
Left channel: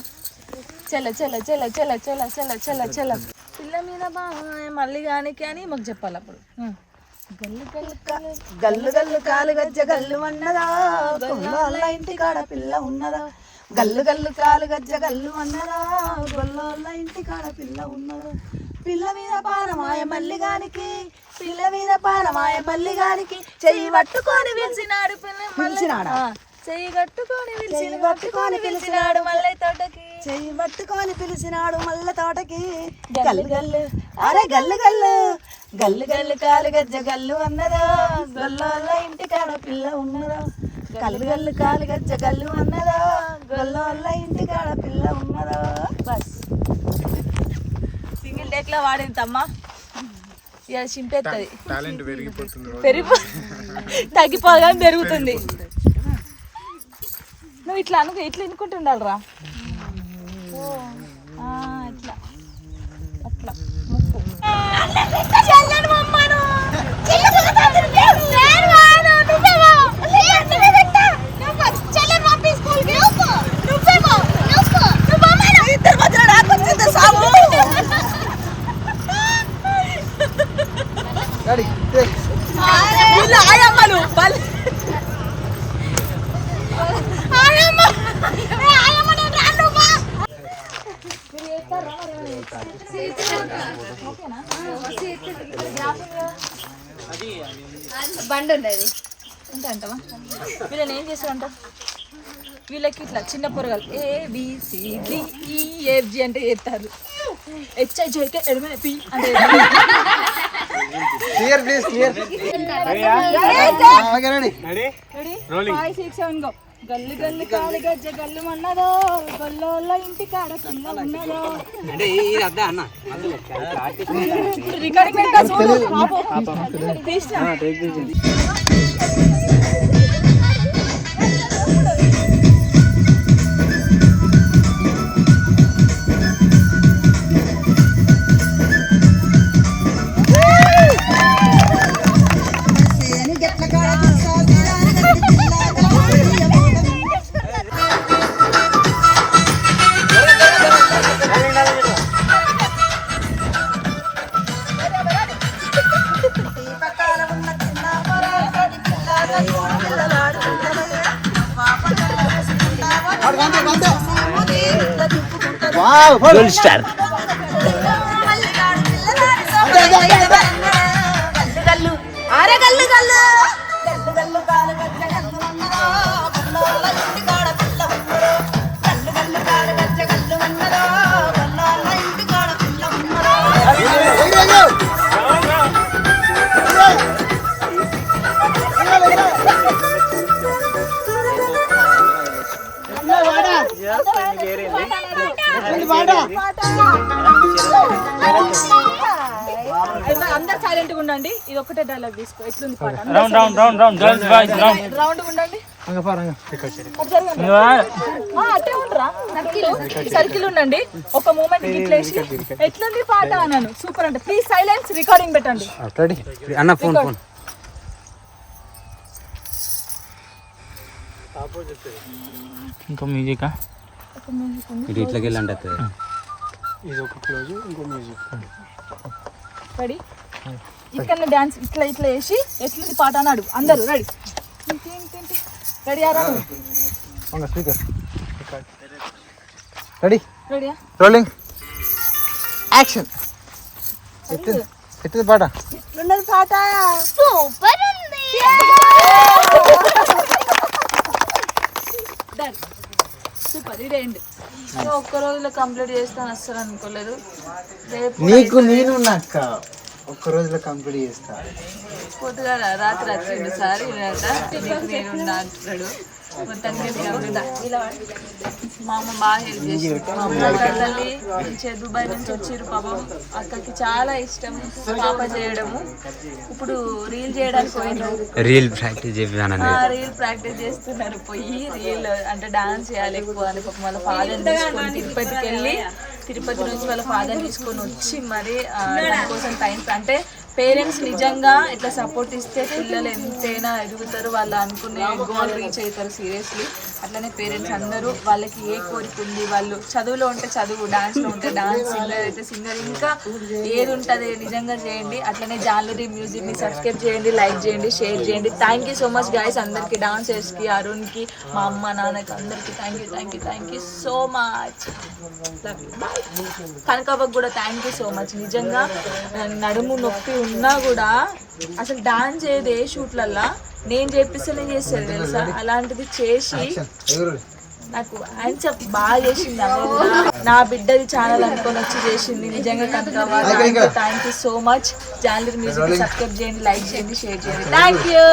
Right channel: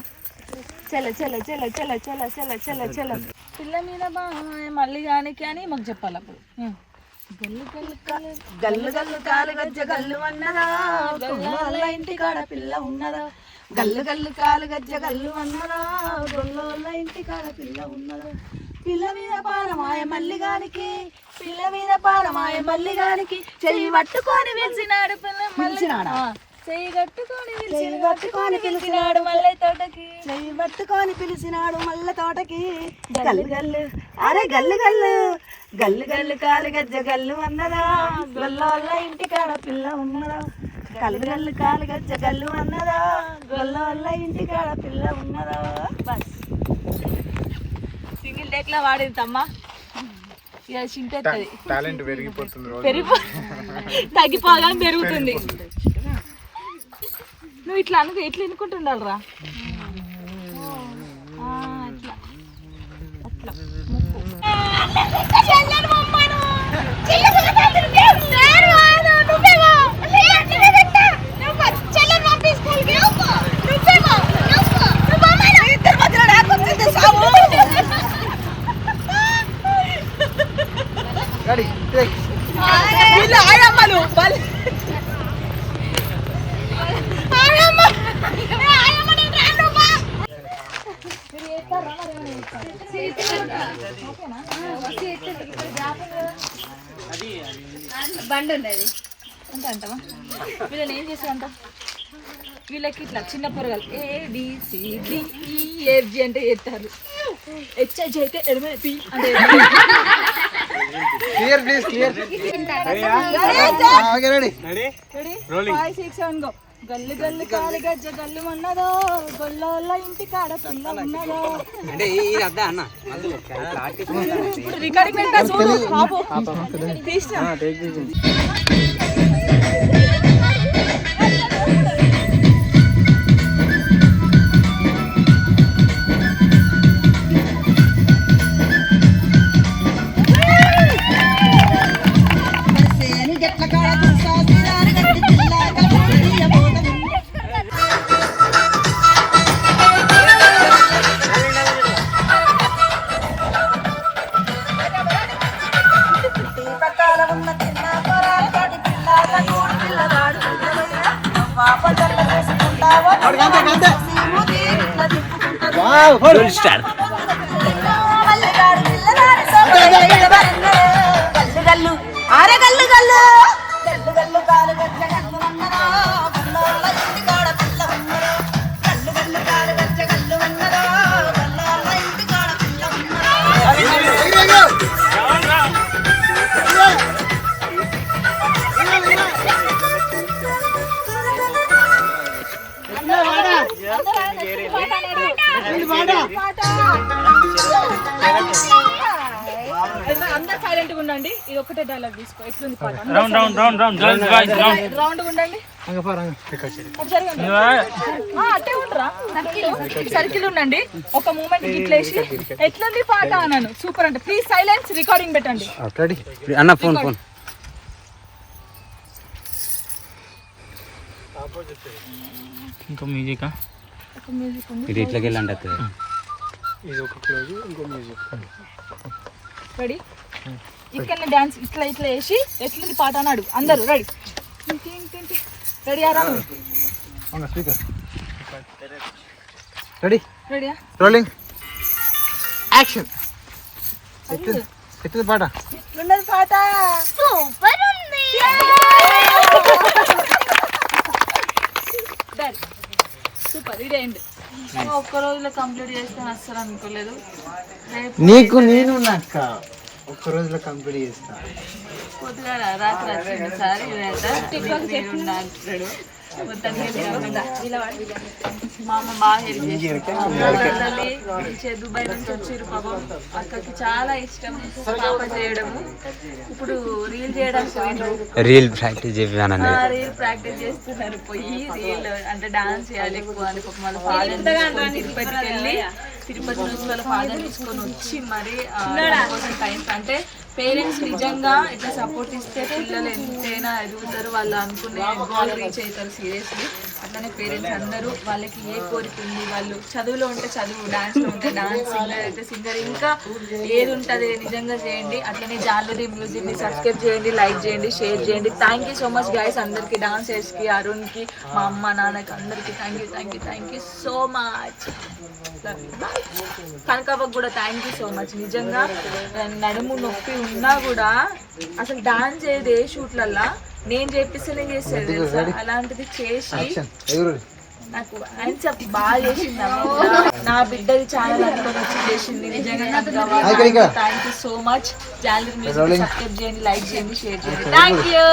చల చల చల చల చల చల చల చల పిల్ల మీద మళ్ళీ కానీ మాకు చెప్పాలి అప్పుడు. గల్లు గల్లు కాలు గల్లు గల్లు కాలు గజ్జ గల్లు అన్నదా గొల్లోళ్ళ ఇంటి కాడ పిల్ల ఉన్నదా. గల్లు గల్లు కాలు గజ్జ గల్లు అన్నదా గొల్లోళ్ళ ఇంటి కాడ పిల్ల ఉన్నదా. పిల్ల మీద పానమాయ మల్లిగానికి పిల్ల మీద పానమాయ మల్లిగానికి చెయ్యి పట్టుకొని పిలిచినాడు పిలిచినాడా చెయ్యి కట్టుకొని చెయ్యి పట్టుకొని పిలిచినాడు మళ్ళీ తోటకి చెయ్యి పట్టుకొని పిలిచినాడు మల్ల తోటకి. గల్లు గల్లు అరే గల్లు గల్లు గల్లు గల్లు కాలు గజ్జ గల్లు అన్నదా గొల్లోళ్ళ ఇంటి కాడ పిల్ల ఉన్నదా. గల్లు గల్లు కాలు గజ్జ గల్లు అన్నదా గొల్లోళ్ళ ఇంటి కాడ పిల్ల ఉన్నదా. బస్ సింగిల్ టేక్లో వాడింది అమ్మా. ఇక చింపేస్తుంది తగ్గిపోగా పెరుగుతుంది. నువ్వు ఇట్లా ఇట్లా ఎన్నుకుంటుండాలరా ఇట్లా అట్లా ముక్కు ఆయమ్మలు బండి ఉండదు అంటే అంటావా. వీళ్ళని ఏం చేస్తారంట, వీళ్ళకి ఇట్లా చిన్న పొరగాలు ABCDEFG అంటే చేస్తారు. HIJK LMNOP అంటే clear please clear. Okay ready ready 5 6 7 go. గల్లు గల్లు కాలు గజ్జ గల్లు అన్నదో గొల్లోళ్ళ ఇంటి కాడ పిల్ల ఉన్నదో. అంటే ఇది అద్దా అన్న ఇప్పుడు రికార్డింగ్ పెట్టా చూడు బాబు తీస్తా. Wow full star. గల్లు గల్లు అరే గల్లు గల్లు గల్లు గల్లు కాలు గజ్జ గల్లు అన్నదా గొల్లోళ్ళ ఇంటి కాడ పిల్ల ఉన్నదా. గల్లు గల్లు కాలు గజ్జ గల్లు అన్నదా గొల్లోళ్ళ ఇంటి కాడ పిల్ల ఉన్నదా. అందరు సైలెంట్ గా ఉండండి. ఇది ఒకటే డైలాగ్ తీసుకో. ఎట్లుంది పాట? రౌండ్ ఉండండి. అట్టే ఉండరా సర్కిల్ ఉండండి. ఒక మూమెంట్ గిట్లేసి ఎట్లుంది పాట అన్నాను. సూపర్ అంటే ప్లీజ్ సైలెన్స్. రికార్డింగ్ పెట్టండి అన్న. ఫోన్ ఫోన్ ఇంకా మ్యూజిక్ ఇది ఇట్లకి వెళ్ళండి. రెడీ ఇక్కడ డాన్స్ ఇట్లా ఇట్లా వేసి ఎట్లుంది పాట అన్నాడు. అందరూ రెడీ రెడీ ఆరా రెడీ రెడీయా రోలింగ్ యాక్షన్. ఎత్తు పాట ఉన్నది పాట సూపర్ ఉంది. సూపర్. ఇదే ఎండ్. ఒక్క రోజులో కంప్లీట్ చేస్తాను అస్సలు అనుకోలేదు. రేపు నీకు నేను నాక్క ఒక్క రోజులో కంప్లీట్ చేస్తా. పొద్దుగా రాత్రి వచ్చింది సార్ ఇదంతా అంటున్నాడు. మా అమ్మ బాగా హెల్ప్ చేసింది. తల్లి దుబాయ్ నుంచి వచ్చారు పాపం. అక్కకి చాలా ఇష్టం పాప చేయడము. ఇప్పుడు రీల్ చేయడానికి పోయినారు. రీల్ ప్రాక్టీస్ చెప్పాను. రీల్ ప్రాక్టీస్ చేస్తున్నారు. పోయి రీల్ అంటే డాన్స్ చేయాలి ఎక్కువ అని పాపం వాళ్ళ ఫాదర్ తీసుకొని తిరుపతికి వెళ్ళి తిరుపతి నుంచి వాళ్ళ ఫాదర్ తీసుకొని వచ్చి మరి దానికోసం టైం అంటే పేరెంట్స్ నిజంగా ఇట్లా సపోర్ట్ ఇస్తే పిల్లలు ఎంతైనా ఎదుగుతారు, వాళ్ళు అనుకునే గోల్ రీచ్ అవుతారు సీరియస్లీ. అట్లనే పేరెంట్స్ అందరూ వాళ్ళకి ఏ కోరిక ఉంది, వాళ్ళు చదువులో ఉంటే చదువు, డాన్స్లో ఉంటే డాన్స్, సింగర్ అయితే సింగర్, ఇంకా ఏది ఉంటుంది నిజంగా చేయండి. అట్లనే జాలరీ మ్యూజిక్ని సబ్స్క్రైబ్ చేయండి, లైక్ చేయండి, షేర్ చేయండి. Thank you so much guys అందరికీ, డాన్సర్స్కి, అరుణ్కి, మా అమ్మ నాన్నకి అందరికీ థ్యాంక్ యూ సో మచ్. కనకవ్వకు కూడా థ్యాంక్ యూ సో మచ్. నిజంగా నడుము నొప్పి ఉన్నా కూడా అసలు డాన్స్ చేయదు ఏ షూట్లల్లా, నేను చేపిస్తేనే చేసేది తెలుసా. అలాంటిది చేసి నాకు హ్యాండ్సప్ బాగా చేసింది. నా బిడ్డది ఛానల్ అనుకొని వచ్చి చేసింది నిజంగా Kanakavva. Thank you so much. జాలరీ మ్యూజిక్ సబ్స్క్రైబ్ చేయండి, లైక్ చేయండి, షేర్ చేయండి. Thank you.